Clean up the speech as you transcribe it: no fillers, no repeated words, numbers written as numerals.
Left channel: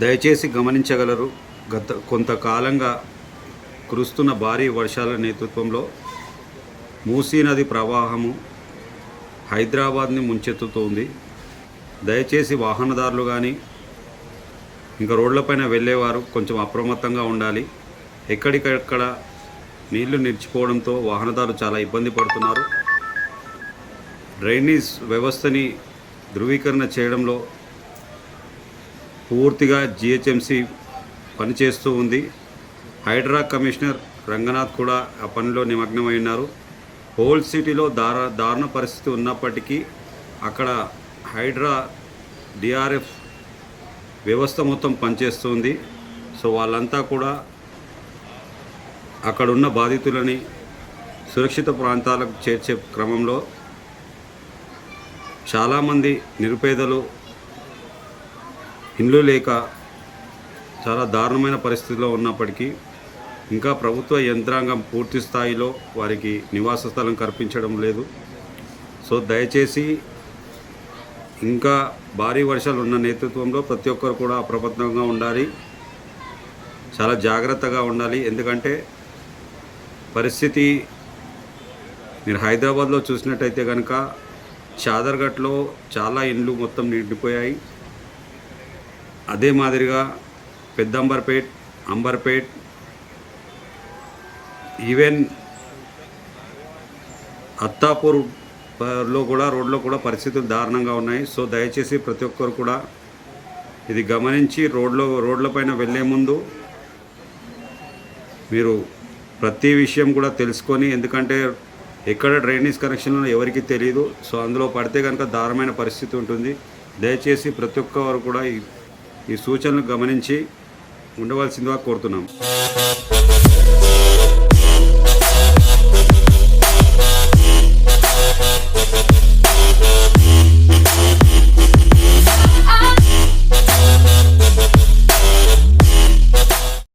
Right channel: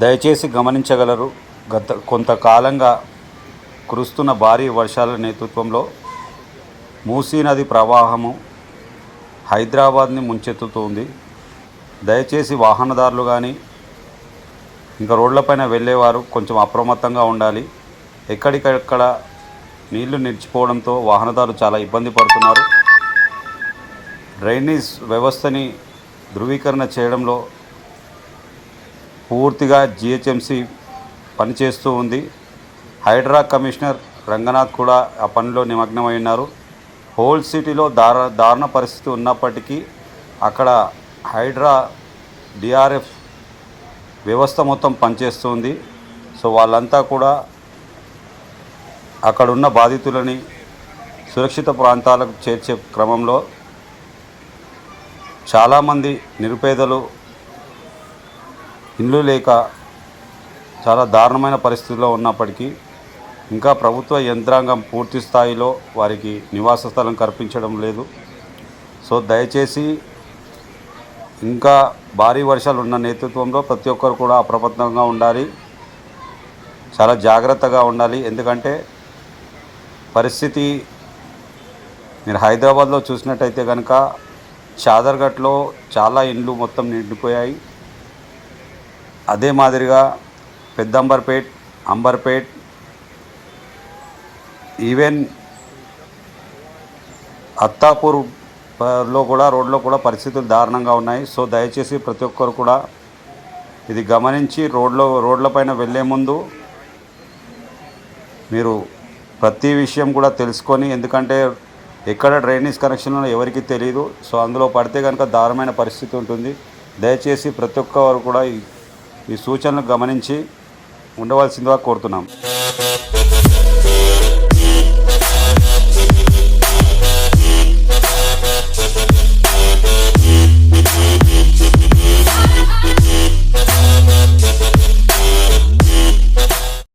దయచేసి గమనించగలరు. గత కొంతకాలంగా కురుస్తున్న భారీ వర్షాల నేతృత్వంలో మూసీ నది ప్రవాహము హైదరాబాద్ని ముంచెత్తుతోంది. దయచేసి వాహనదారులు కానీ ఇంకా రోడ్లపైన వెళ్ళేవారు కొంచెం అప్రమత్తంగా ఉండాలి. ఎక్కడికక్కడ నీళ్లు నిలిచిపోవడంతో వాహనదారులు చాలా ఇబ్బంది పడుతున్నారు. డ్రైనేజ్ వ్యవస్థని ధృవీకరణ చేయడంలో పూర్తిగా జిహెచ్ఎంసి పనిచేస్తూ ఉంది. హైడ్రా కమిషనర్ రంగనాథ్ కూడా ఆ పనిలో నిమగ్నమై ఉన్నారు. హోల్ సిటీలో దారుణ పరిస్థితి ఉన్నప్పటికీ అక్కడ హైడ్రా డిఆర్ఎఫ్ వ్యవస్థ మొత్తం పనిచేస్తుంది. సో వాళ్ళంతా కూడా అక్కడున్న బాధితులని సురక్షిత ప్రాంతాలకు చేర్చే క్రమంలో చాలామంది నిరుపేదలు ఇండ్లు లేక చాలా దారుణమైన పరిస్థితిలో ఉన్నప్పటికీ ఇంకా ప్రభుత్వ యంత్రాంగం పూర్తి స్థాయిలో వారికి నివాస స్థలం కల్పించడం లేదు. సో దయచేసి ఇంకా భారీ వర్షాలు ఉన్న నేతృత్వంలో ప్రతి ఒక్కరు కూడా అప్రమత్తంగా ఉండాలి, చాలా జాగ్రత్తగా ఉండాలి. ఎందుకంటే పరిస్థితి మీరు హైదరాబాద్లో చూసినట్టయితే కనుక చాదర్ఘట్లో చాలా ఇండ్లు మొత్తం నిండిపోయాయి. అదే మాదిరిగా పెద్దంబర్పేట్, అంబర్పేట్, ఈవెన్ అత్తాపూర్లో కూడా రోడ్లో కూడా పరిస్థితులు దారుణంగా ఉన్నాయి. సో దయచేసి ప్రతి ఒక్కరు కూడా ఇది గమనించి రోడ్లపైన వెళ్ళే ముందు మీరు ప్రతి విషయం కూడా తెలుసుకొని, ఎందుకంటే ఎక్కడ డ్రైనేజ్ కనెక్షన్లో ఎవరికి తెలియదు. సో అందులో పడితే కనుక దారుణమైన పరిస్థితి ఉంటుంది. దయచేసి ప్రతి ఒక్కరు కూడా ఈ సూచనలు గమనించి ఉండవలసిందిగా కోరుతున్నాం.